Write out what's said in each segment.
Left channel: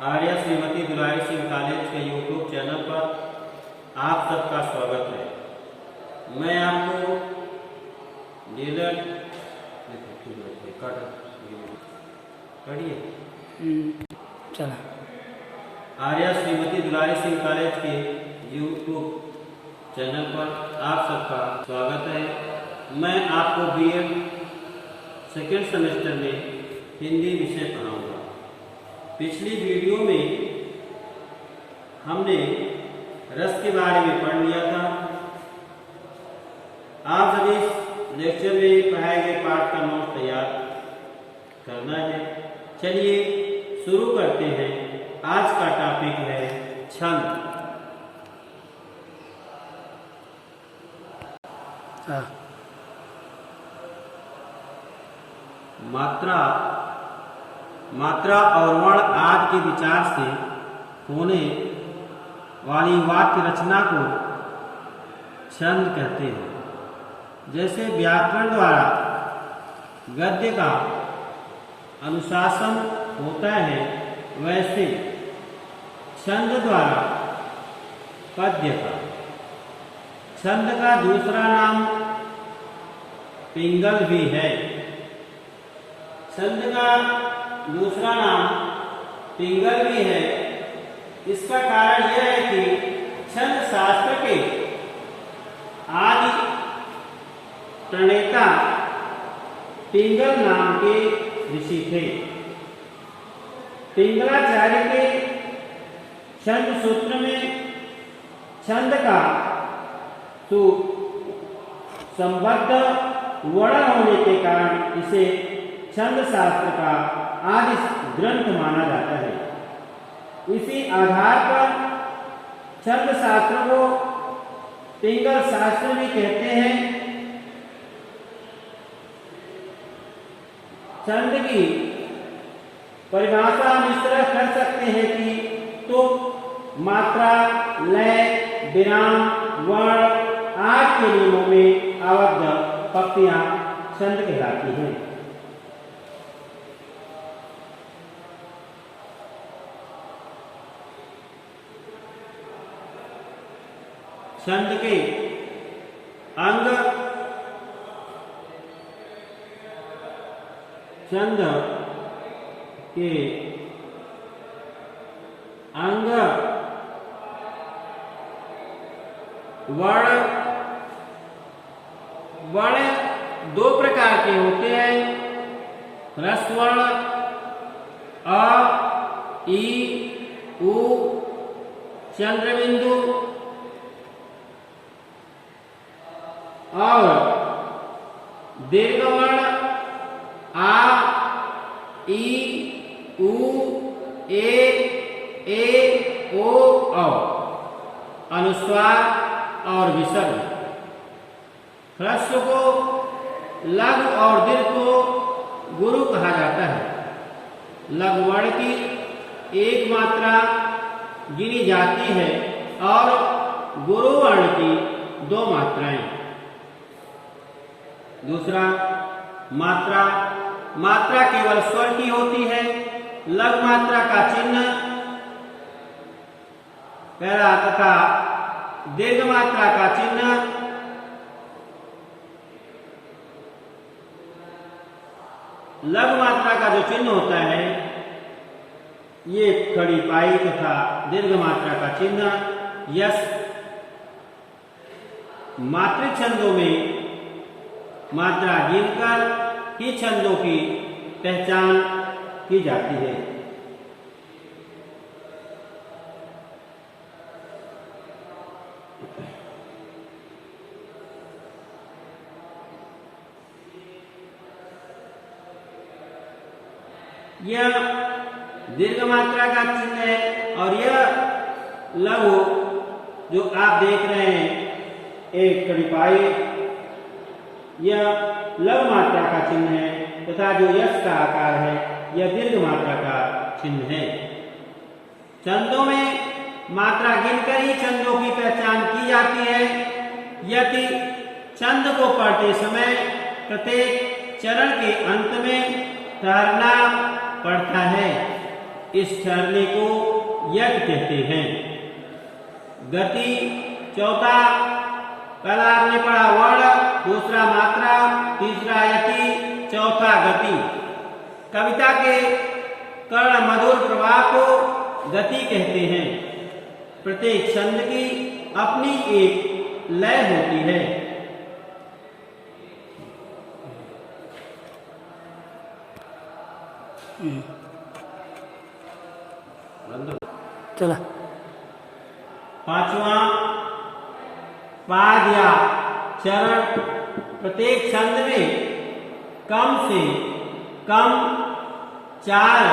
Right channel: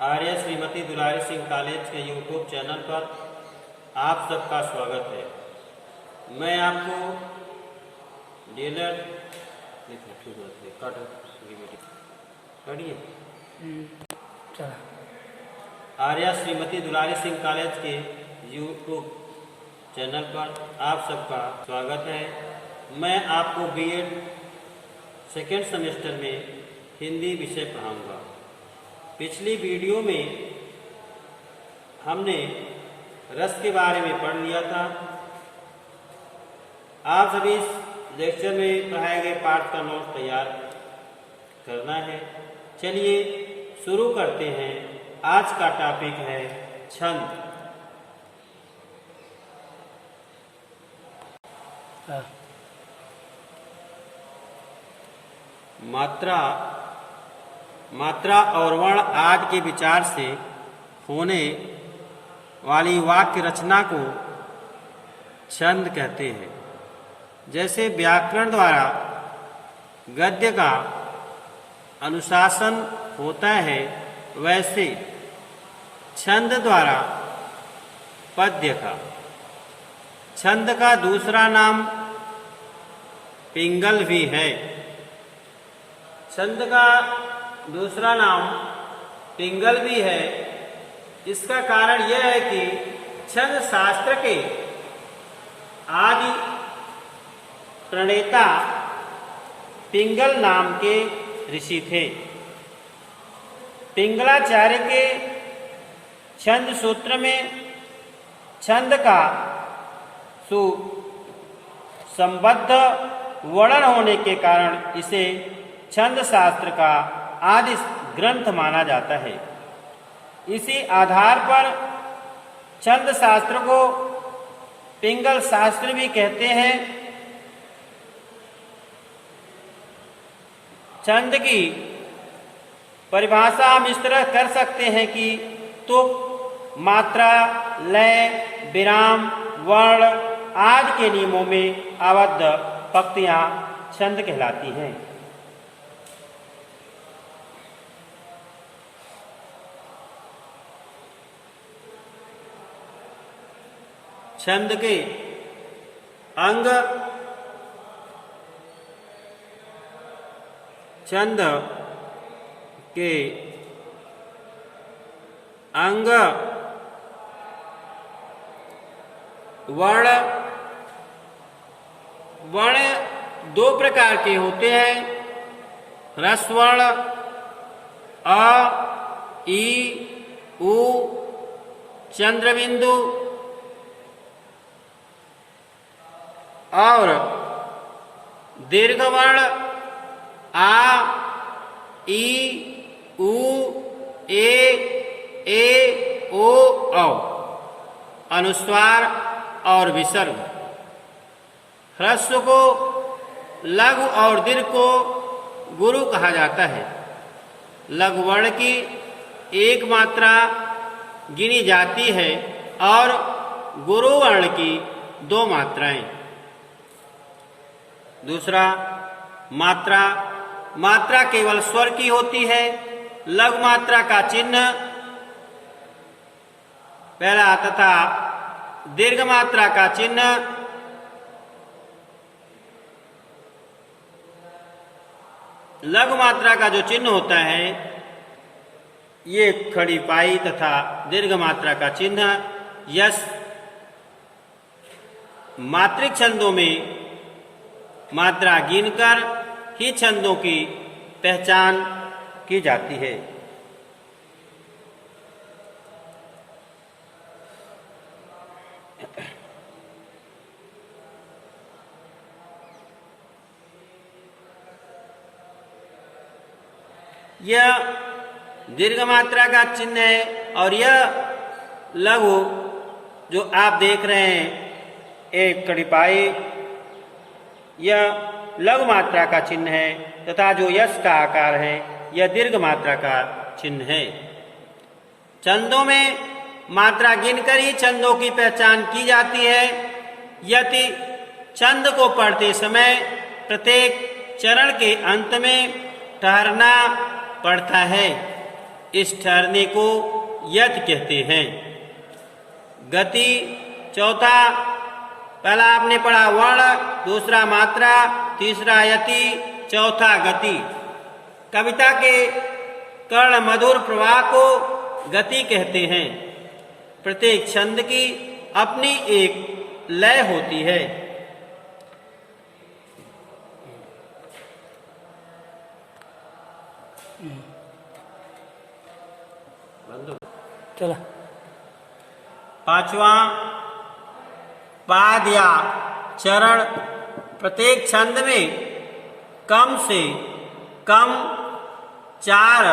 आर्य श्रीमती दुलारी Singh college के YouTube channel पर आप सबका स्वागत है। मैं आपको डीलर चला आर्य श्रीमती दुलारी सिंह कॉलेज के यूट्यूब चैनल पर आप सबका स्वागत है। मैं आपको बीएड सेकेंड सेमेस्टर में हिंदी विषय पढ़ाऊंगा। पिछली वीडियो में हमने रस के बारे में पढ़ लिया था। आप सभी इस लेक्चर में पढ़ाए गए पाठ का नोट तैयार करना है। चलिए शुरू करते हैं। आज का टॉपिक है छंद। मात्रा और वर्ण आदि के विचार से होने वाली वाक्य रचना को छंद कहते हैं। जैसे व्याकरण द्वारा गद्य का अनुशासन होता है, वैसे छंद द्वारा पद्य का। छंद का दूसरा नाम पिंगल भी है। छंद का दूसरा नाम पिंगल भी है। इसका कारण यह है कि छंद शास्त्र के आदि प्रणेता पिंगल नाम के ऋषि थे। पिंगलाचार्य के छंद सूत्र में छंद का सुसंबद्ध वर्णन होने के कारण इसे छंद शास्त्र का आदि ग्रंथ माना जाता है। इसी आधार पर छंद शास्त्र को पिंगल शास्त्र भी कहते हैं। छंद की परिभाषा हम इस तरह कर सकते हैं कि तुक, मात्रा, लय, विराम, वर्ण आदि के नियमों में आबद्ध पंक्तियां छंद कहलाती हैं। छंद के अंग छंद के अंग वर्ण दो प्रकार के होते हैं। ह्रस्वर्ण अ, ई, उ, चंद्रबिंदु और दीर्घवर्ण आ, ई, उ, ए, ओ, औ। अनुस्वार और विसर्ग। ह्रस्व को लघु और दीर्घ को गुरु कहा जाता है। लघु वर्ण की एक मात्रा गिनी जाती है और गुरु वर्ण की दो मात्राएं। दूसरा, मात्रा केवल स्वर की होती है। लघु मात्रा का चिन्ह पहला तथा दीर्घ मात्रा का चिन्ह लघु मात्रा का जो चिन्ह होता है, ये खड़ी पाई तथा दीर्घ मात्रा का चिन्ह यश। मात्रिक छंदों में मात्रा गिनकर ही छंदों की पहचान की जाती है। यह दीर्घ मात्रा का चिन्ह है और यह लघु जो आप देख रहे हैं एक कड़ी पाई, यह लघु मात्रा का चिन्ह है तथा जो यश का आकार है यह दीर्घ मात्रा का चिन्ह है। छंदों में मात्रा गिनकर ही छंदों की पहचान की जाती है। यदि छंद को पढ़ते समय प्रत्येक चरण के अंत में ठहरना पड़ता है। इस ठहरने को यति कहते हैं। गति चौथा, पहला आपने पढ़ा वर्ण, दूसरा मात्रा, तीसरा यति, चौथा गति। कविता के कर्ण मधुर प्रवाह को गति कहते हैं। प्रत्येक छंद की अपनी एक लय होती है। चला। पांचवा, पाद या चरण। प्रत्येक छंद में कम से कम 4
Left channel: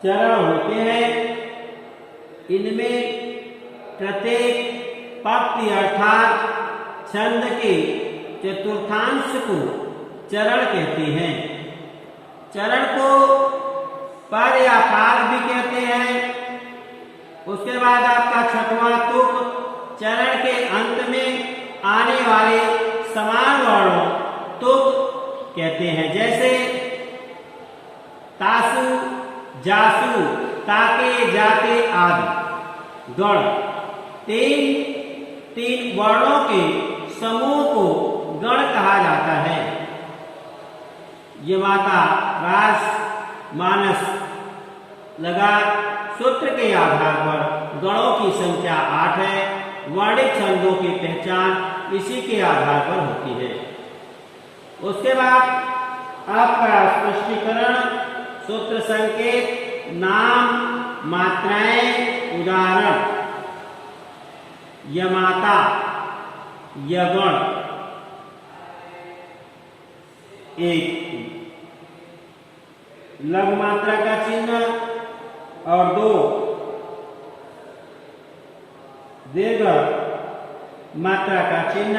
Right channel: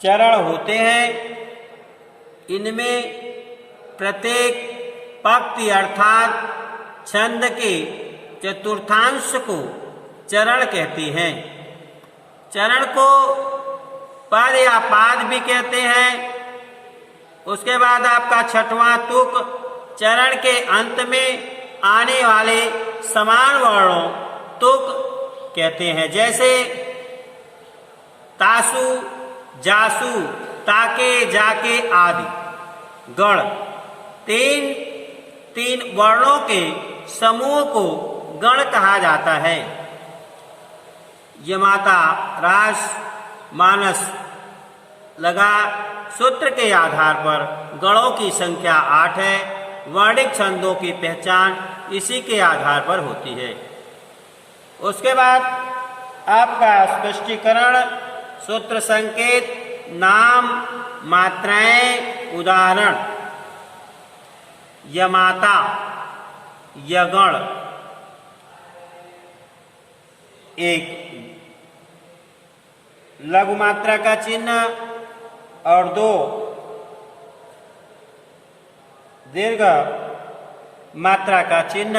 चरण होते हैं। इनमें प्रत्येक पंक्ति अर्थात छंद के चतुर्थांश को चरण कहते हैं। चरण को पद या पाद भी कहते हैं। उसके बाद आपका छठवां तुक, चरण के अंत में आने वाले समान वर्णों तुक कहते हैं, जैसे तासु, जासु, ताके, जाके आदि। गण तीन वर्णों के समूह को गण कहा जाता है। यमाता, रास, मानस लगा सूत्र के आधार पर गणों की संख्या 8 है। वर्णिक छंदों की पहचान इसी के आधार पर होती है। उसके बाद आपका स्पष्टीकरण, सूत्र संकेत, नाम, मात्राएं, उदाहरण। यमाता, यगण, एक लघु मात्रा का चिन्ह और 2 दीर्घ मात्रा का चिन्ह।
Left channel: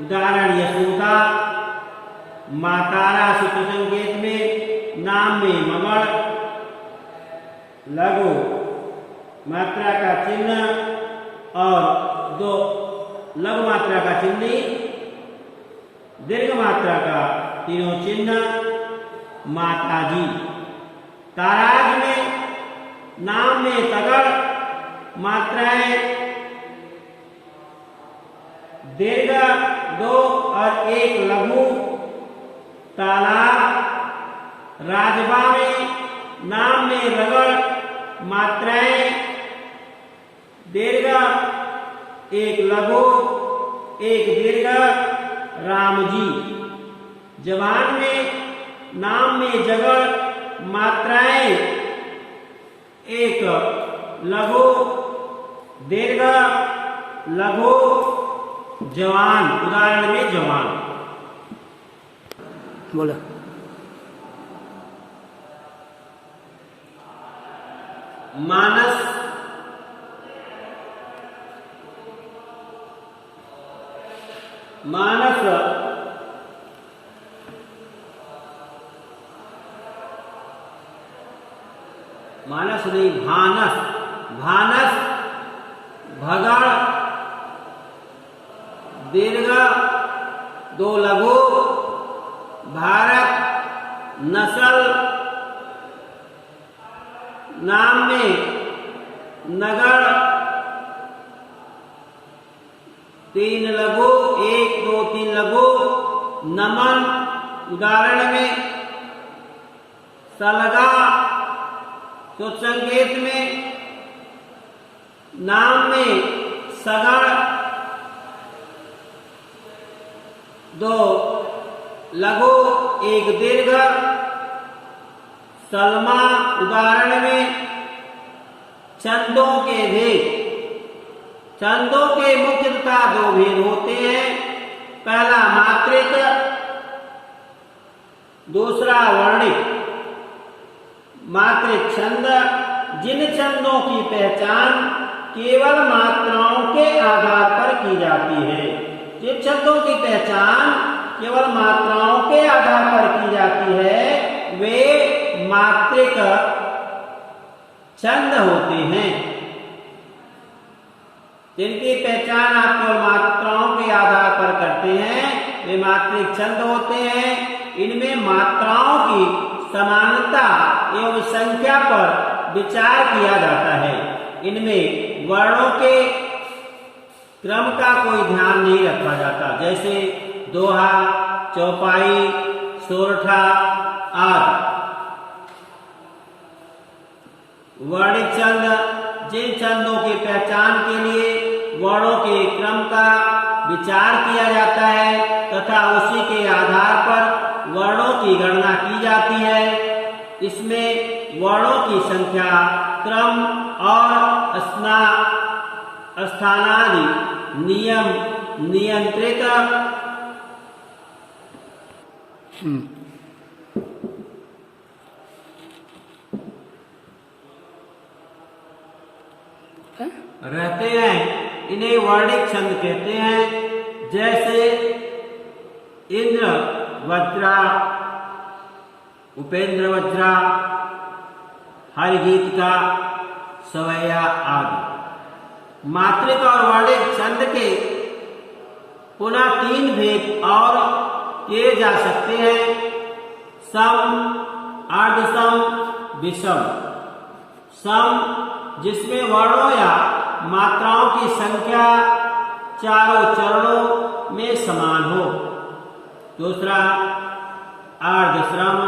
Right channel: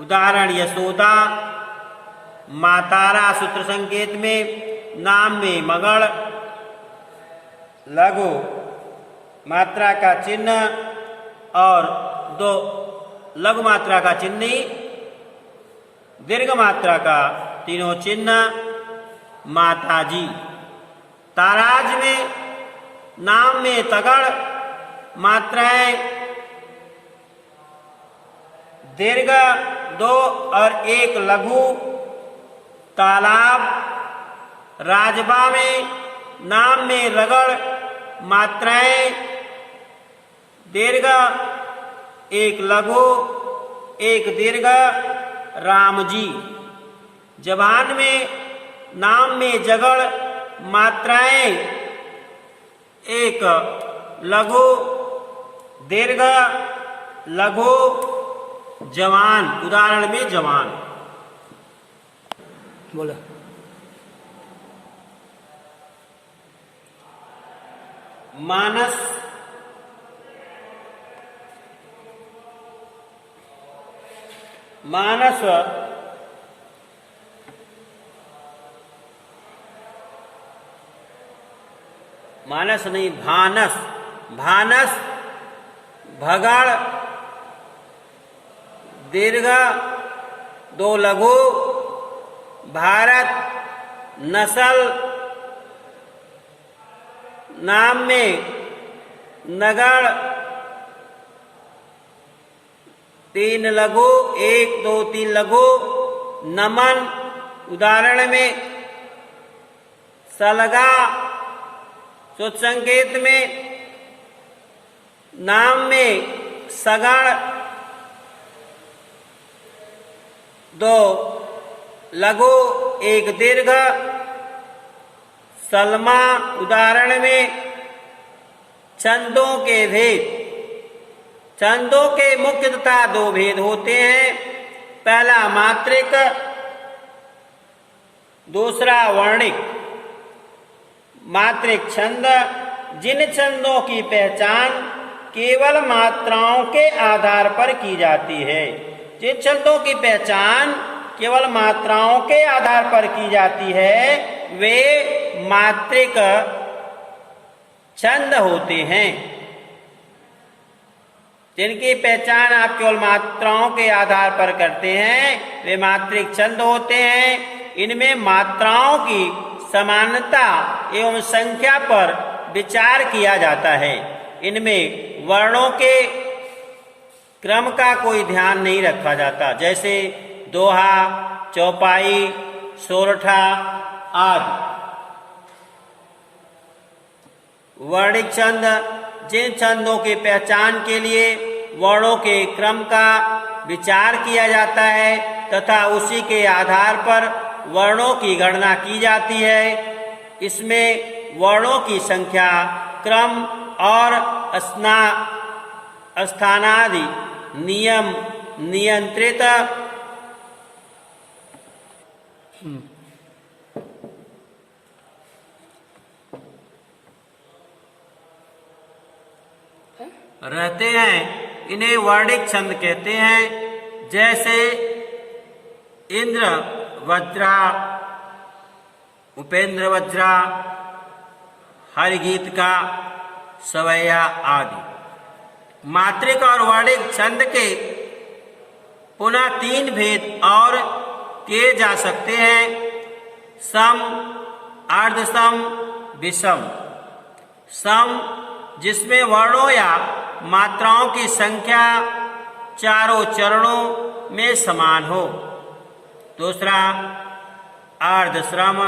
उदाहरण यशोदा, मातारा सूत्र संकेत में, नाम में मगड़, लघु मात्रा का चिन्ह और 2 लघु मात्रा का चिन्ह, दीर्घ मात्रा का तीनों चिन्ह। माताजी, ताराज में, नाम में तगड़, मात्राएं दीर्घ 2 और 1 लघु। तालाब, राजबा में, नाम में रगड़, मात्राएं दीर्घ 1 लघु 1 दीर्घ। रामजी, जबान में, नाम में जगड़, मात्राएं 1 लघु दीर्घ लघु। जवान, उदाहरण में जवान। बोला। मानस, मानस मानस नहीं, भानस, भानस, भगड़ दीर्घ 2 लघु। भारत, नस्ल, नाम में नगड़ 3 लघु 1 2 3 लघु। नमन, उदाहरण में सलगा, सूत्र संकेत में, नाम में सगड़ 2 लघु 1 दीर्घ। सलमा, उदाहरण में छंदों के भेद। छंदों के मुख्य तथा 2 भेद होते हैं। पहला मात्रिक, दूसरा वर्णिक। मात्रिक छंद जिन छंदों की पहचान केवल मात्राओं के आधार पर की जाती है। जिन छंदों की पहचान केवल मात्राओं के आधार पर की जाती है वे मात्रिक छंद होते हैं। जिनकी पहचान आप केवल मात्राओं के आधार पर करते हैं वे मात्रिक छंद होते हैं। इनमें मात्राओं की समानता एवं संख्या पर विचार किया जाता है। इनमें वर्णों के क्रम का कोई ध्यान नहीं रखा जाता, जैसे दोहा, चौपाई, सोरठा आदि। वर्णिक छंद जिन छंदों के पहचान के लिए वर्णों के क्रम का विचार किया जाता है तथा उसी के आधार पर वर्णों की गणना की जाती है, इसमें वर्णों की संख्या, क्रम और स्थानादि नियम नियंत्रित रहते हैं। इन्हें वर्णिक छंद कहते हैं। जैसे इंद्र वज्रा, उपेंद्र वज्रा, हरिगीत का सवैया आदि। मात्रिक और वर्णिक छंद के पुनः 3 भेद और किए जा सकते हैं: सम, अर्धसम, विषम। सम जिसमें वर्णों या मात्राओं की संख्या चारों चरणों में समान हो। दूसरा अर्धश्रम,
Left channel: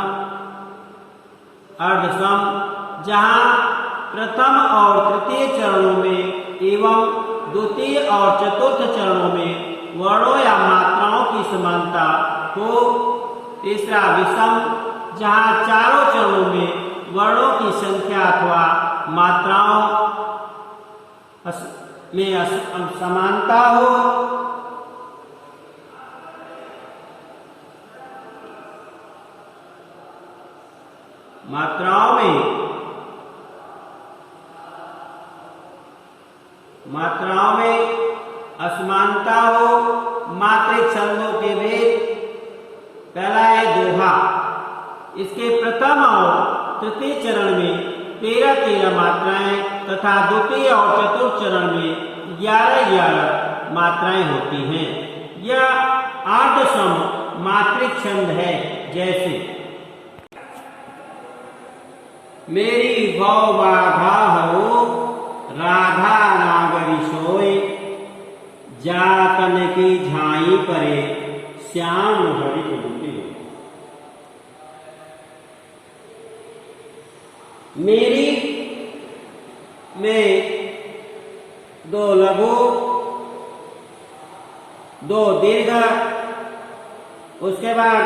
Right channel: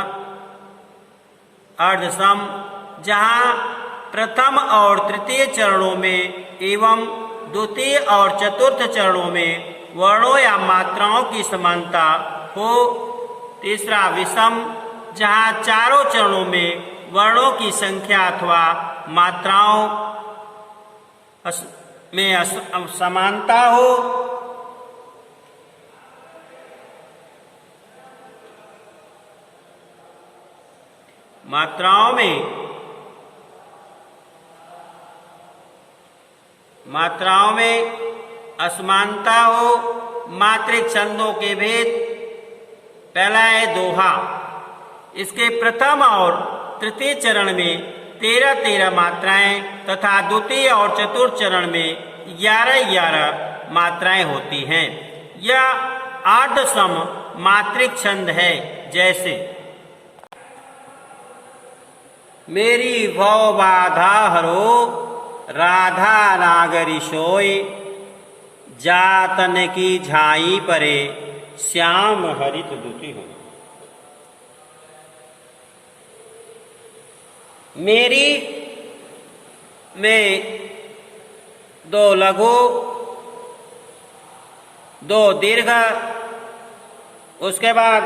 अर्धसम जहाँ प्रथम और तृतीय चरणों में एवं द्वितीय और चतुर्थ चरणों में वर्णों या मात्राओं की समानता हो। तीसरा विषम जहाँ चारों चरणों में वर्णों की संख्या अथवा मात्राओं में समानता हो। मात्राओं में असमानता हो। मात्रिक छंदों के भेद: पहला है दोहा। इसके प्रथम और तृतीय चरण में 13-13 मात्राएं तथा द्वितीय और चतुर्थ चरण में 11-11 मात्राएं होती हैं। यह अर्धसम मात्रिक छंद है। जैसे मेरी भव बाधा हरो, राधा नागरी सोय, जातन की झाई परे, श्याम हरित दुखी हो। मेरी में 2 लघु, 2 दीर्घ, उसके बाद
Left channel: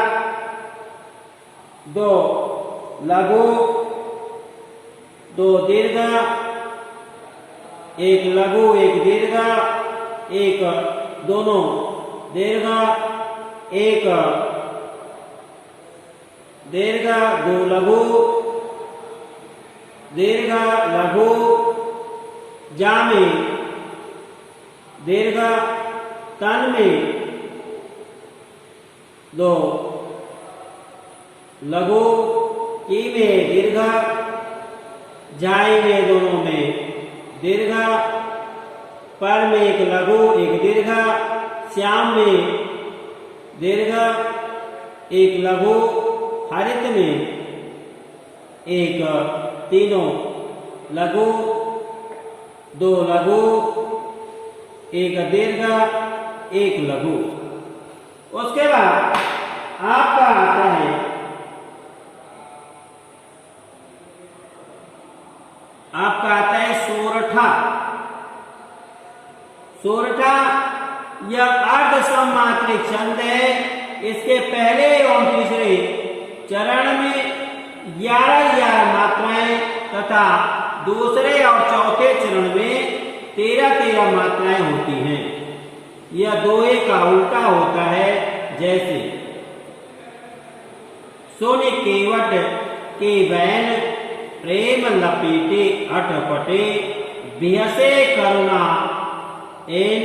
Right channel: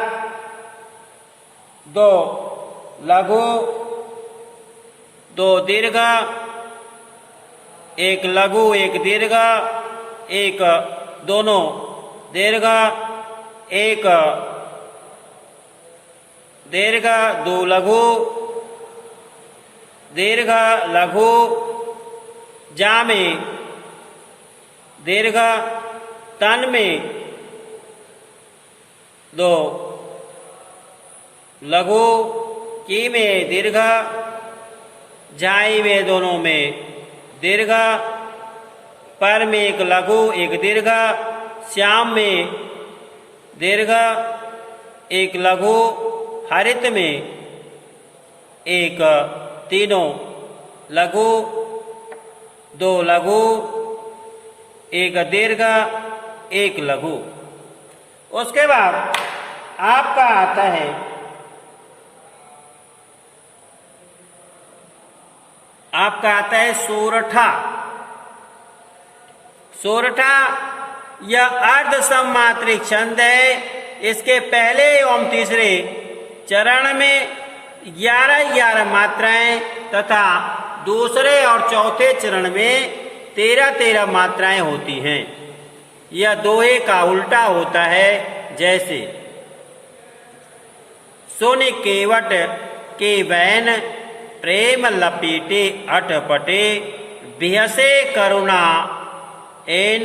2 लघु, 2 दीर्घ, 1 लघु 1 दीर्घ, 1 दोनों दीर्घ, 1 दीर्घ, 2 लघु, दीर्घ, लघु, जा में दीर्घ, तन में 2 लघु, की में दीर्घ, झाई में दोनों में दीर्घ, पर में 1 लघु 1 दीर्घ, श्याम में दीर्घ 1 लघु, हरित में 1 तीनों लघु, 2 लघु, 1 दीर्घ, 1 लघु। उसके बाद आपका आता है सोरठा। सोरठा यह अर्धसम मात्रिक छंद है। इसके पहले एवं तीसरे चरण में 11-11 मात्राएं तथा दूसरे और चौथे चरण में 13-13 मात्राएं होती हैं। यह दोहे का उल्टा होता है। जैसे सोने केवट के वैन, प्रेम लपेटे अटपटे, बिहसे करुणा एन,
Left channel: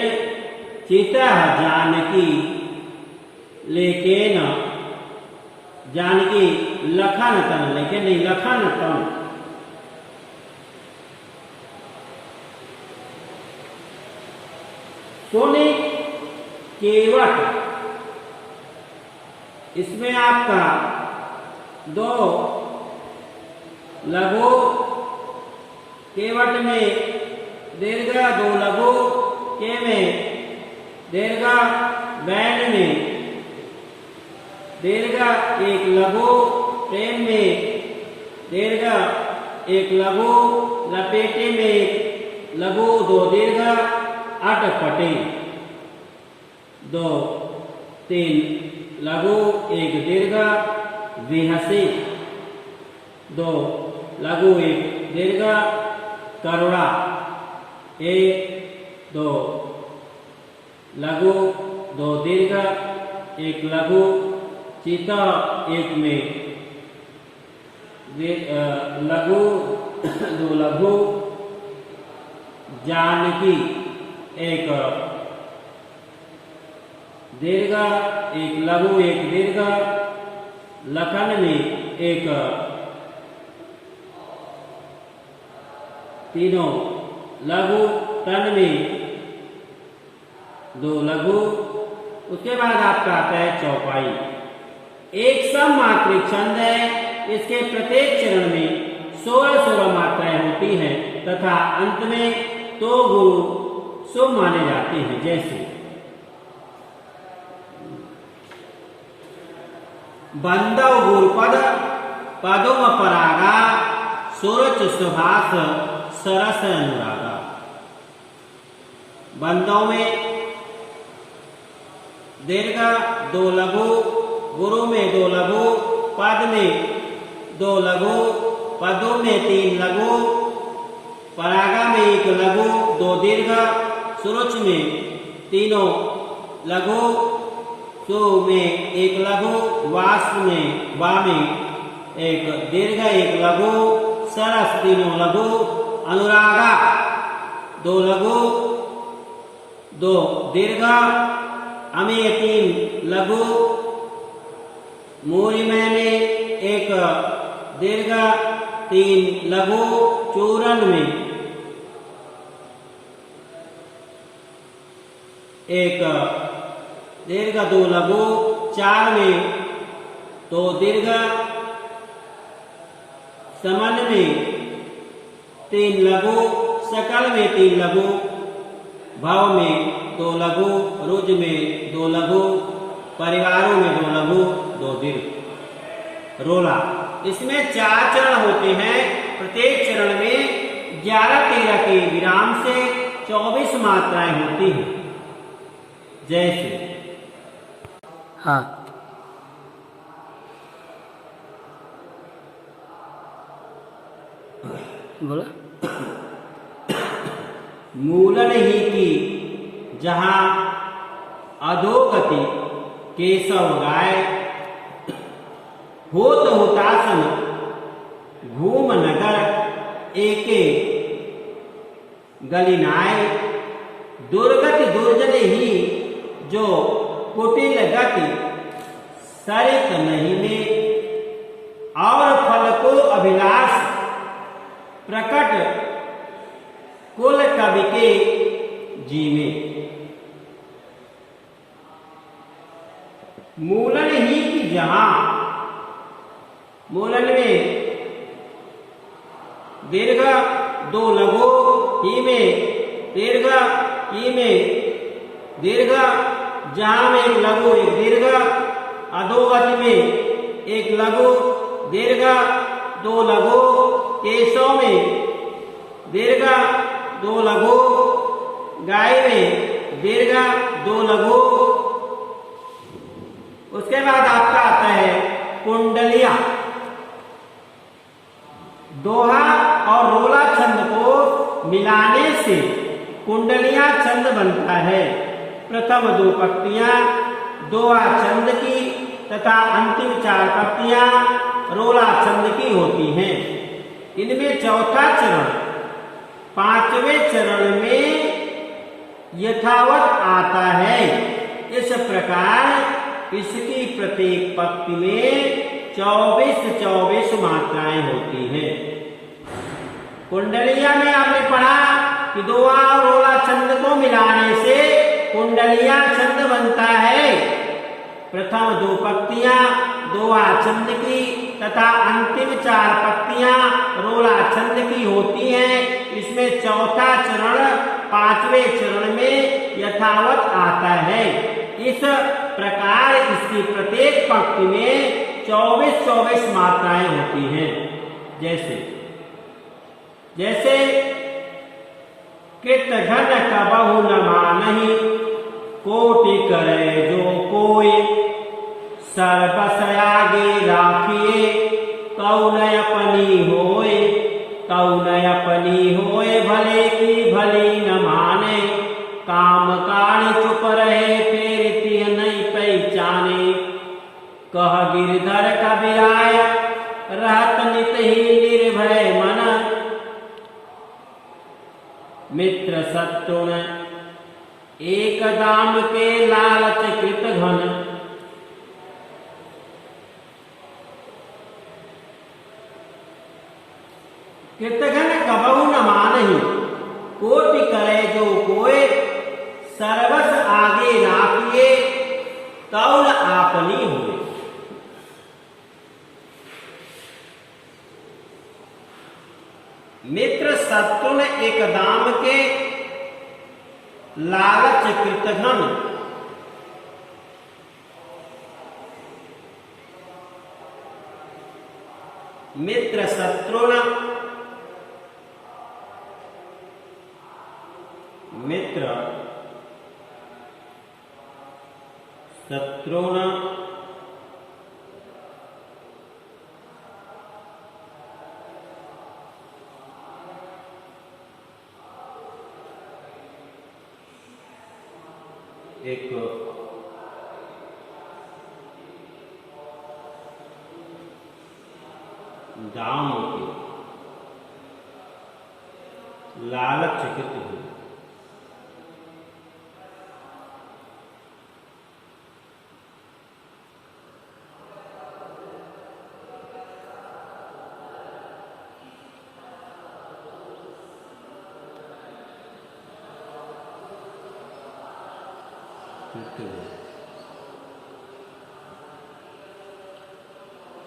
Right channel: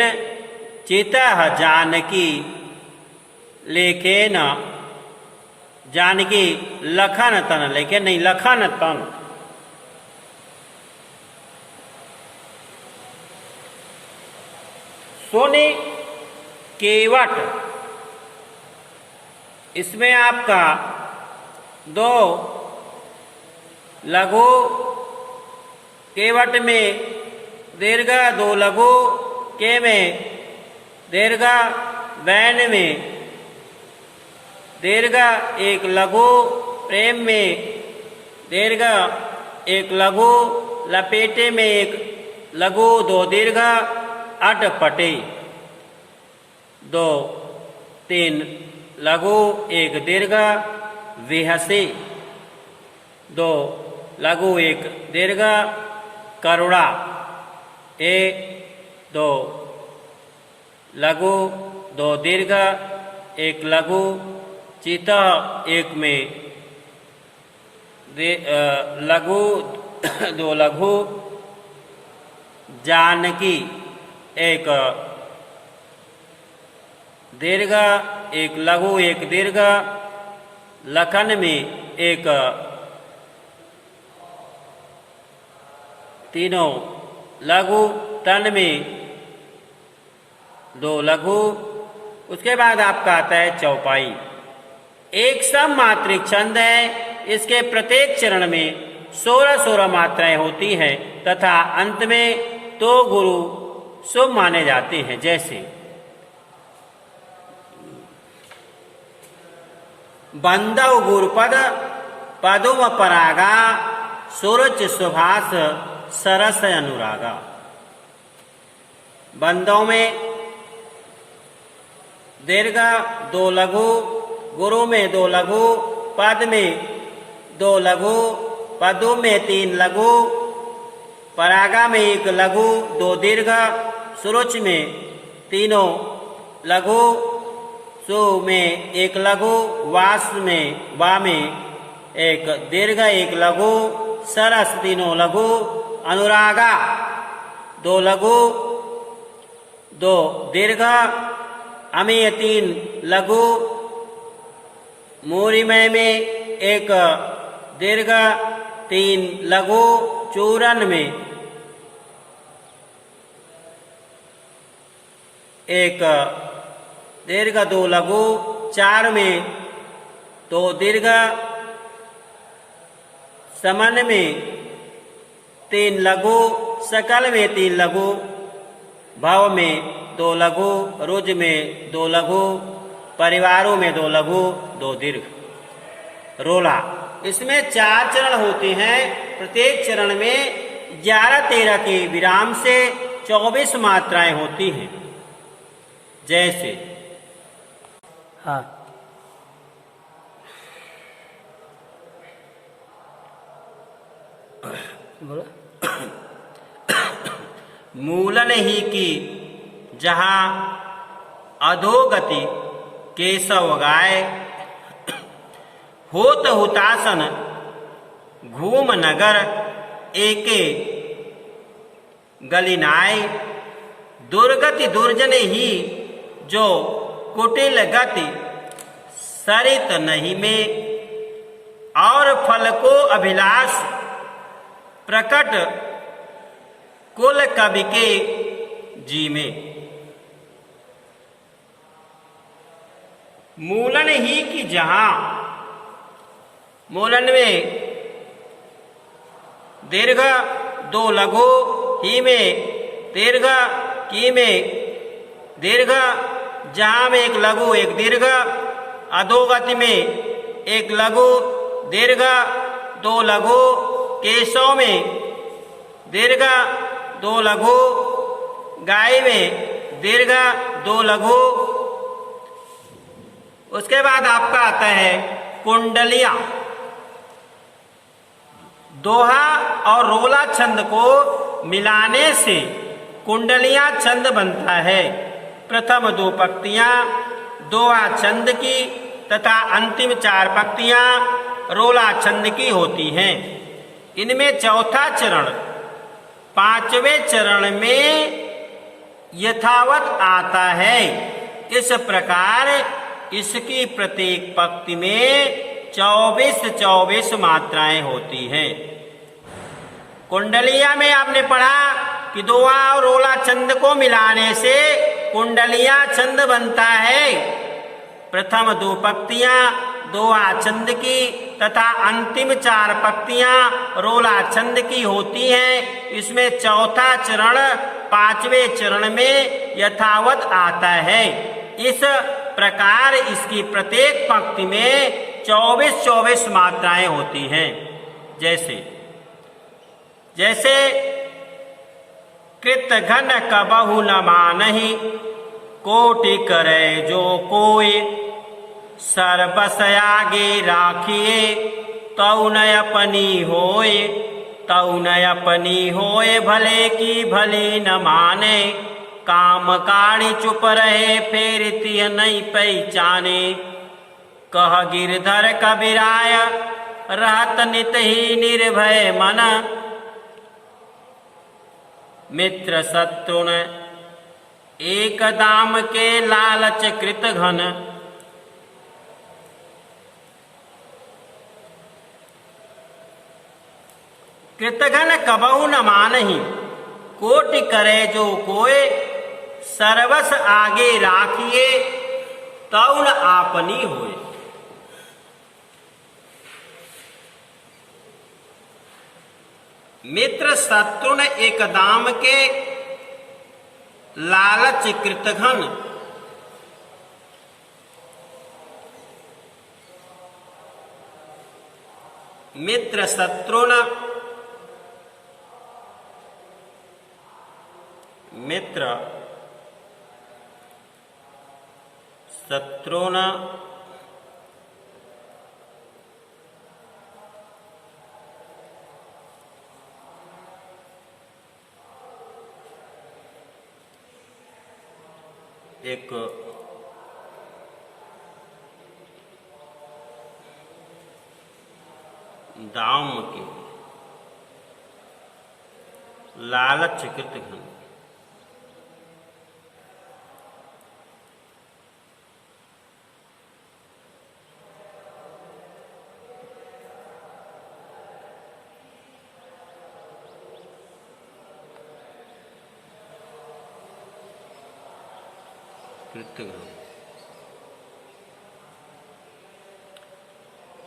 चितः जानकी लेकिन, जानकी लखन तन, लेकिन नहीं लखन तन। सोने केवट, इसमें आपका 2 लघु केवट में दीर्घ, दो लघु के में दीर्घ, वैन में दीर्घ, एक लघु प्रेम में दीर्घ, एक लघु लपेटे में एक लघु, दो दीर्घ, अटपटे, दो तीन लघु, एक दीर्घ, विहसे, दो लघु, एक दीर्घ, करुणा, एक दो लघु, दो दीर्घ, एक लघु, चिता, एक में लघु, दो लघु, जानकी, एक दीर्घ, एक लघु, एक दीर्घ, लखन में एक, तीनों लघु, तन में दो लघु। उसके बाद आपका आता है चौपाई। एक सममात्रिक छंद है। इसके प्रत्येक चरण में 16-16 मात्राएं होती हैं तथा अंत में दो गुरु शुभ माने जाते हैं। जैसे बंदव गुरुपद, पदुम परागा, सुरुच सुभाष, सरस अनुरागा। बंदों में दीर्घ, दो लघु, गुरु में दो लघु, पद में दो लघु, पदु में तीन लघु, परागा में एक लघु, दो दीर्घ, सुरुच में तीनों लघु, सु में एक लघु, वास में वा में एक दीर्घ, एक लघु, सरस तीनों लघु, अनुरागा दो लघु, दो दीर्घ, अमेय तीन लघु, मूरिमय में एक दीर्घ, तीन लघु, चूरन में एक दीर्घ, दो लघु, चार में दो दीर्घ, समन में तीन लघु, सकल में तीन लघु, भव में दो लघु, रुज में दो लघु, परिवारों में दो लघु, दो दीर्घ। रोला, इसमें 4 चरण होते हैं। प्रत्येक चरण में 11-13 के विराम से 24 मात्राएं होती हैं। जैसे हाँ बोला। मूलन ही की जहां अधोगति केशव गाय, होत हुतासन घूम नगर एके गलिनाय, दुर्गति दुर्जन ही जो कुटिल गति सरित नहीं में, और फल को अभिलाष प्रकट कुल कवि के जी में। मूलन ही की जहां, मूलन में दीर्घ, दो लघु, ही में दीर्घ, की में दीर्घ, जहां में एक लघु, एक दीर्घ, अधोगति में एक लघु, दीर्घ, दो लघु, केशव में दीर्घ, दो लघु, गाय में दीर्घ, दो लघु। उसके बाद आपका आता है कुंडलिया। दोहा और रोला छंद को मिलाने से कुंडलिया छंद बनता है। प्रथम 2 पंक्तियां दोहा छंद की तथा अंतिम 4 पंक्तियां रोला छंद की होती हैं। इनमें चौथा चरण 5वें चरण में यथावत आता है। इस प्रकार इसकी प्रत्येक पंक्ति में 24-24 मात्राएं होती हैं। कुंडलिया में आपने पढ़ा कि दोहा और रोला छंद को मिलाने से कुंडलिया छंद बनता है। प्रथम 2 पंक्तियां दोहा छंद की तथा अंतिम 4 पंक्तियां रोला छंद की होती हैं। इसमें चौथा चरण 5वें चरण में यथावत आता है। इस प्रकार इसकी प्रत्येक पंक्ति में 24 मात्राएं होती हैं। जैसे कृत घन कबहु न मानहि, कोटि करे जो कोय, सर्वस आगे राखिए, तौ न अपनी होय, तौ न अपनी होय, भले की भली न माने, काम काणी चुप रहे, फेर तिह नहीं पहचाने, कह गिरधर कबीराय, रहत नित ही निर्भय मन, मित्र शत्रुन एक दाम के लालच कृत घन, कृतघन कबहु न मानहि, कोटि करे जो कोय, सर्वस आगे राखिए, तौ न आपनी होय। मित्र शत्रुन एक दाम के लालच कृतघन, मित्र शत्रुन, मित्र शत्रुन एक दाम के लालच कृतघन,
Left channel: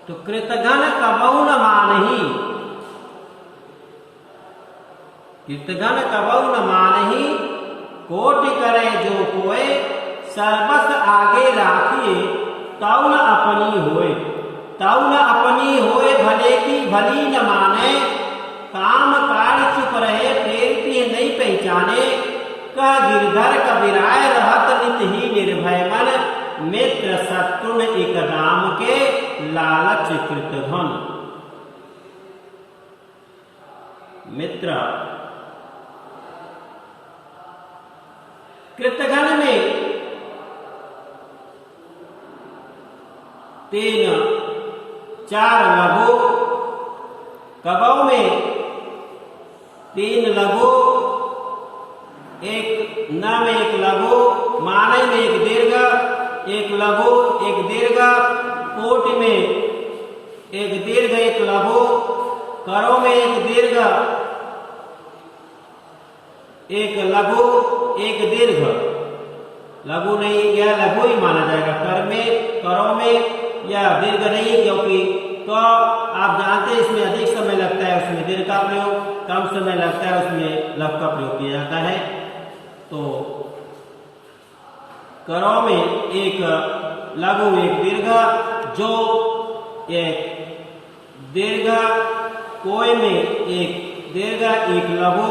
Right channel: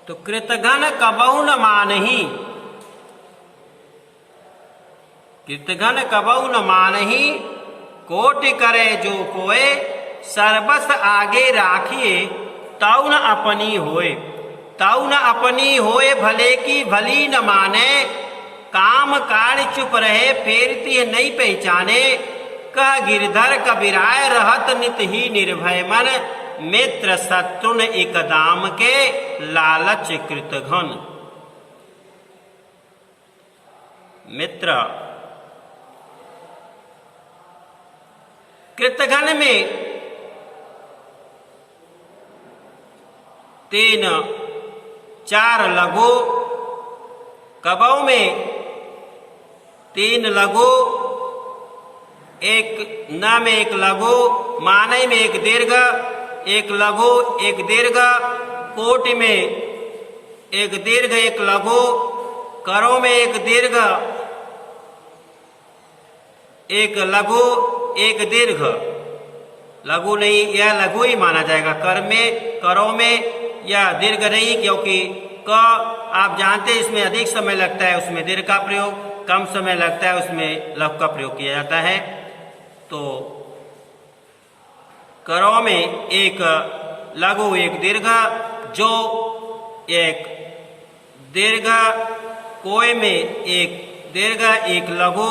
तो कृतघन कबहु न मानहि, कृतघन कबहु न मानहि, कोटि करे जो कोय, सर्वस आगे राखिए, तौ न अपनी होय, तौ न अपनी होय, भले की भली न माने, काम काज चुप रहे, फेरती नहीं पहचाने, कह गिरधर कबीराय, रहत नित ही निर्भय मन, मित्र शत्रुन एक दाम के लालच कृतघन। मित्र कृतघन में 3 4 लघु, कबहु में 3 लघु, एक न में 1 लघु, माने में 1 दीर्घ, 1 लघु 1 दीर्घ, कोटि में 1 दीर्घ 1 लघु, करो में 1 दीर्घ 1 लघु 1 दीर्घ, लघु नहीं, यह लघु ही माना जाएगा। कर में करो में यह दीर्घ नहीं, क्योंकि क आप जानते हैं इसमें अधिक समय लगता है, उसमें दीर्घ का प्रयोग, कम समय लगता है उसमें लघु का प्रयोग किया जाता है। तो करो में 1 लघु 1 दीर्घ, जो 1 दीर्घ, कोय में 1 दीर्घ 1 लघु,